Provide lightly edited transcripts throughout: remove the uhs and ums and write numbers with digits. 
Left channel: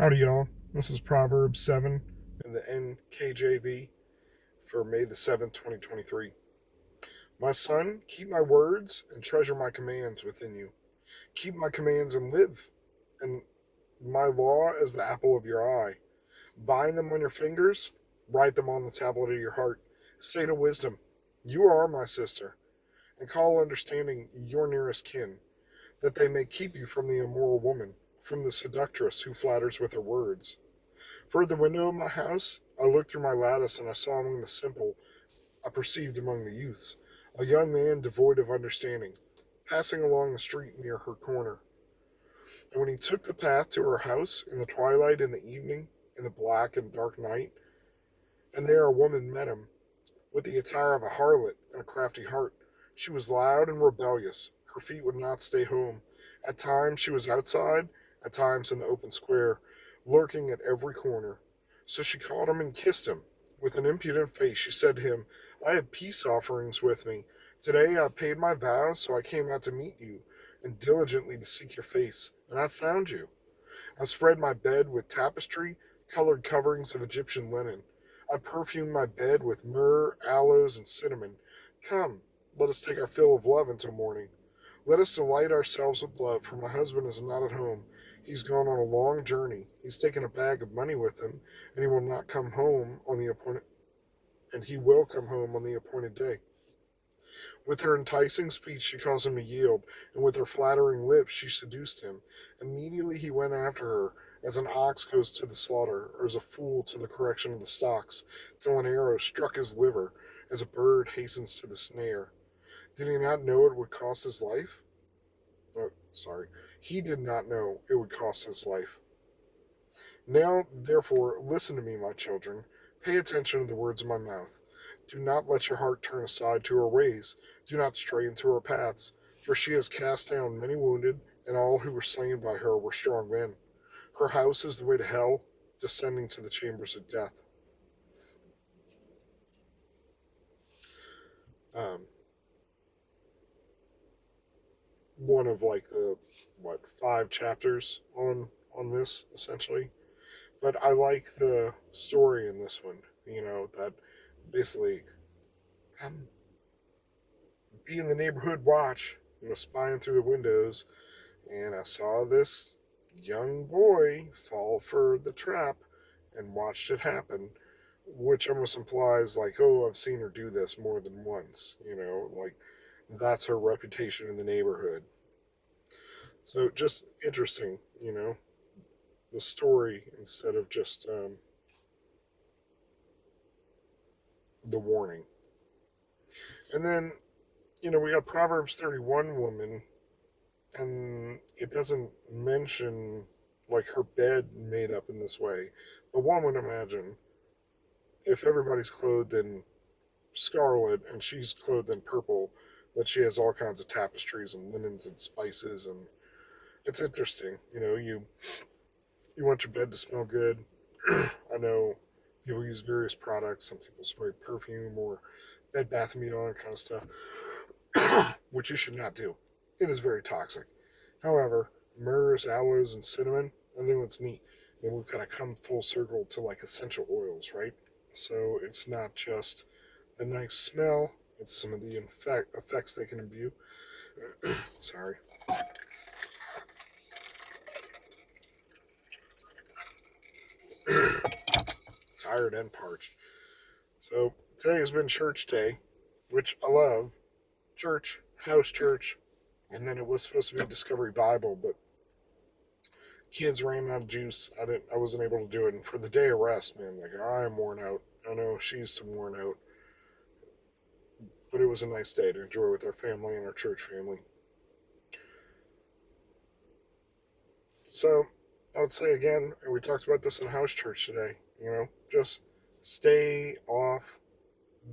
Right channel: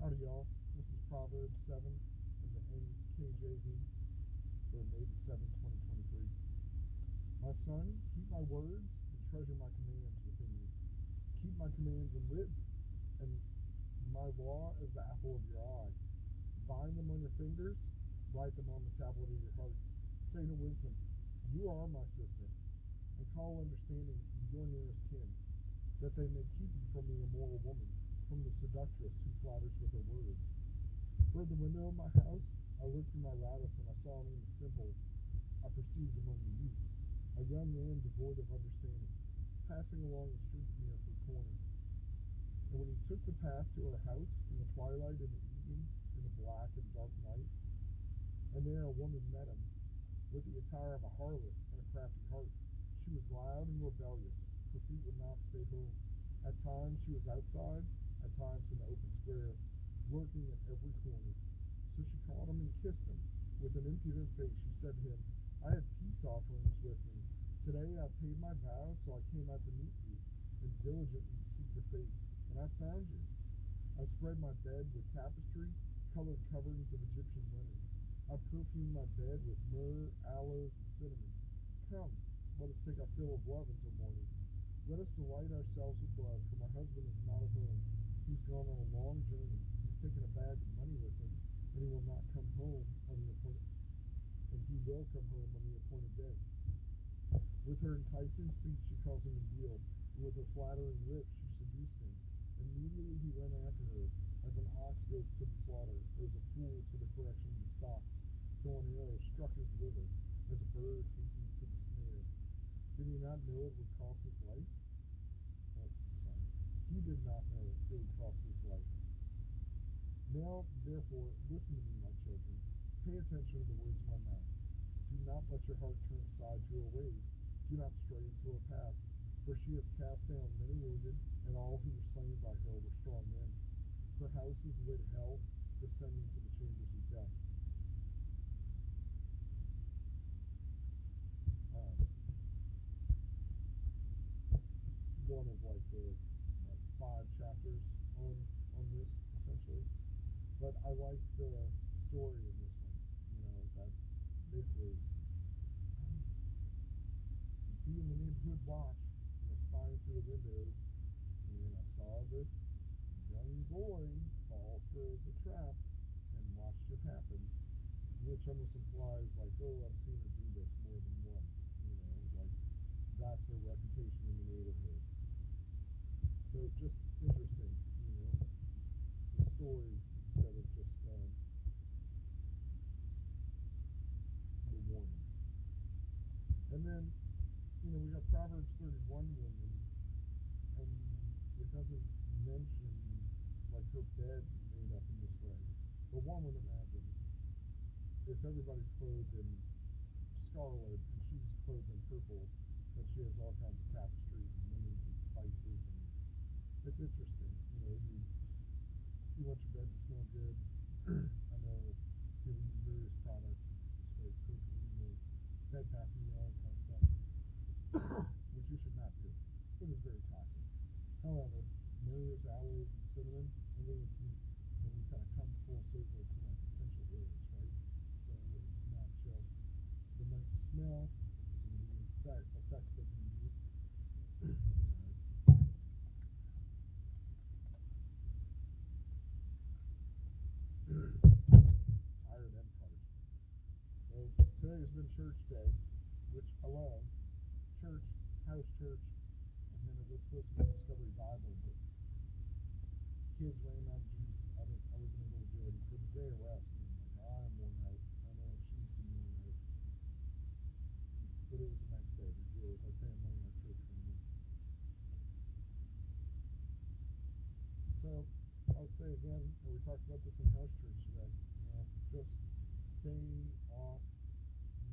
Howdy, y'all. This is Proverbs 7 in the NKJV for May the 7th, 2023. My son, keep my words and treasure my commands within you. Keep my commands and live, and my law as the apple of your eye. Bind them on your fingers, write them on the tablet of your heart. Say to wisdom, you are my sister, and call understanding your nearest kin, that they may keep you from the immoral woman, from the seductress who flatters with her words. For at the window of my house I looked through my lattice, and I saw among the simple, I perceived among the youths, a young man devoid of understanding, passing along the street near her corner. And when he took the path to her house in the twilight, in the evening, in the black and dark night, and there a woman met him, with the attire of a harlot and a crafty heart. She was loud and rebellious. Her feet would not stay home. At times she was outside, at times in the open square, lurking at every corner. So she caught him and kissed him. With an impudent face she said to him, I have peace offerings with me. Today I paid my vows, so I came out to meet you, and diligently to seek your face, and I found you. I spread my bed with tapestry, colored coverings of Egyptian linen. I perfumed my bed with myrrh, aloes, and cinnamon. Come, let us take our fill of love until morning. Let us delight ourselves with love, for my husband is not at home. He's gone on a long journey. He's taken a bag of money with him, and he will come home on the appointed day. With her enticing speech she caused him to yield, and with her flattering lips she seduced him. Immediately he went after her, as an ox goes to the slaughter, or as a fool to the correction of the stocks, till an arrow struck his liver, as a bird hastens to the snare. Did he not know it would cost his life? He did not know it would cost his life. Now, therefore, listen to me, my children. Pay attention to the words of my mouth. Do not let your heart turn aside to her ways. Do not stray into her paths. For she has cast down many wounded, and all who were slain by her were strong men. Her house is the way to hell, descending to the chambers of death. One of like the 5 chapters on this essentially, but I like the story in this one. That basically be in the neighborhood watch, spying through the windows, and I saw this young boy fall for the trap and watched it happen, which almost implies like, oh, I've seen her do this more than once. Like that's her reputation in the neighborhood. So just interesting, the story instead of just the warning. And then, we got Proverbs 31 woman, and it doesn't mention like her bed made up in this way. But one would imagine if everybody's clothed in scarlet and she's clothed in purple, that she has all kinds of tapestries and linens and spices, and it's interesting. You want your bed to smell good. I know people use various products. Some people spray perfume or Bed Bath & Beyond kind of stuff, which you should not do. It is very toxic. However, myrrhs, aloes, and cinnamon, I think that's neat. And we've kind of come full circle to like essential oils, right? So it's not just a nice smell, it's some of the effects they can imbue. Sorry. Tired and parched. So today has been church day, which I love. Church, house church, and then it was supposed to be Discovery Bible, but kids ran out of juice. I wasn't able to do it. And for the day of rest, man, like I am worn out. I know she's worn out, but it was a nice day to enjoy with our family and our church family. So I would say again, and we talked about this in house church today, just stay off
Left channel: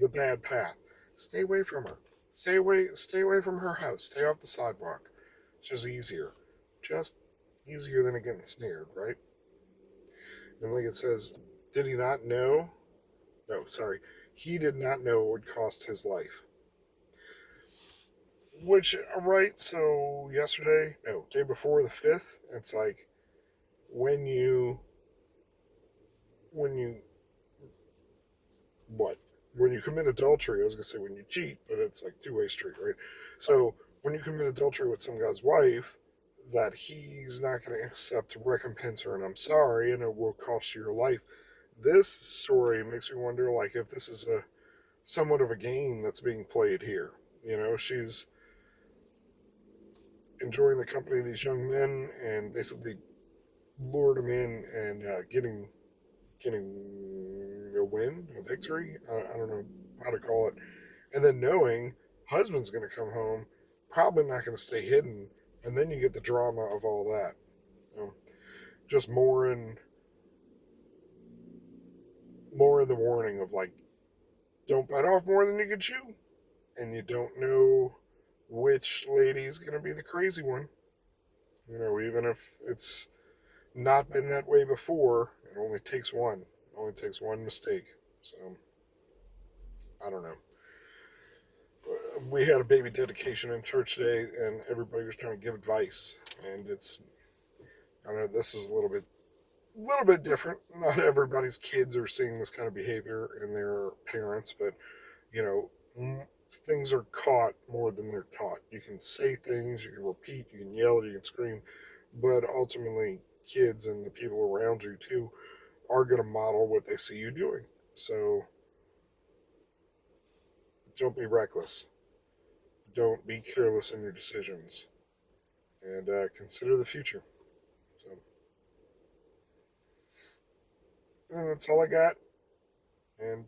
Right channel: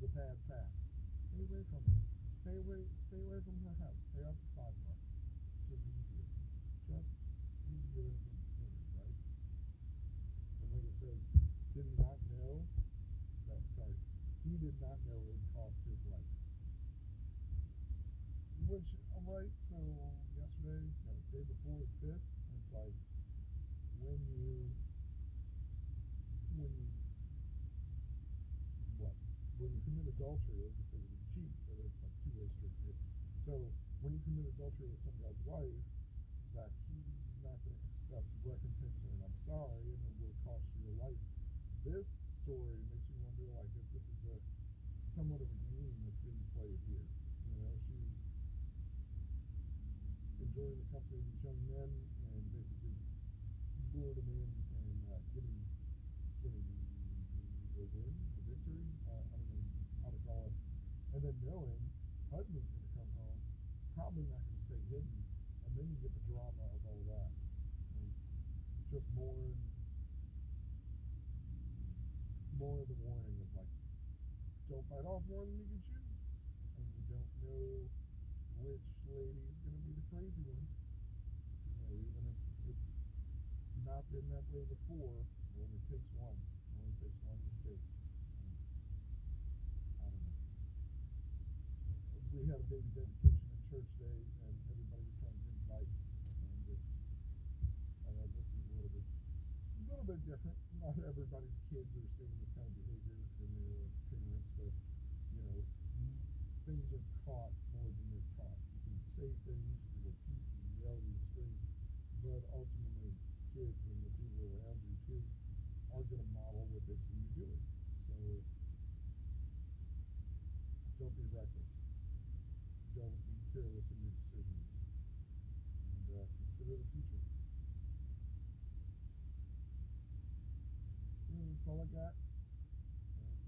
the bad path. Stay away from her. Stay away from her house. Stay off the sidewalk. It's just easier. Just easier than getting snared, right? And like it says, did he not know? No, sorry. He did not know it would cost his life. Which, right, so day before the 5th, it's like when you when you what? When you commit adultery, I was gonna say when you cheat, but it's like two-way street, right? So when you commit adultery with some guy's wife, that he's not going to accept recompense or an I'm sorry, and it will cost you your life. This story makes me wonder, like, if this is a somewhat of a game that's being played here. You know, she's enjoying the company of these young men and basically lured them in and getting a win, a victory. I don't know how to call it. And then knowing husband's going to come home, probably not going to stay hidden, and then you get the drama of all that. You know, just more in the warning of like, don't bite off more than you can chew, and you don't know which lady's going to be the crazy one. You know, even if it's not been that way before, it only takes one. It only takes one mistake. So, I don't know. We had a baby dedication in church today, and everybody was trying to give advice. And I know this is a little bit different. Not everybody's kids are seeing this kind of behavior in their parents, but you know, things are caught more than they're taught. You can say things, you can repeat, you can yell, you can scream, but ultimately, kids and the people around you too are going to model what they see you doing. So don't be reckless. Don't be careless in your decisions, and consider the future. So that's all I got, and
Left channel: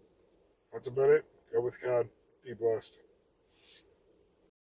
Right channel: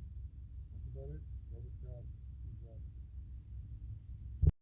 that's about it. Go with God. Be blessed.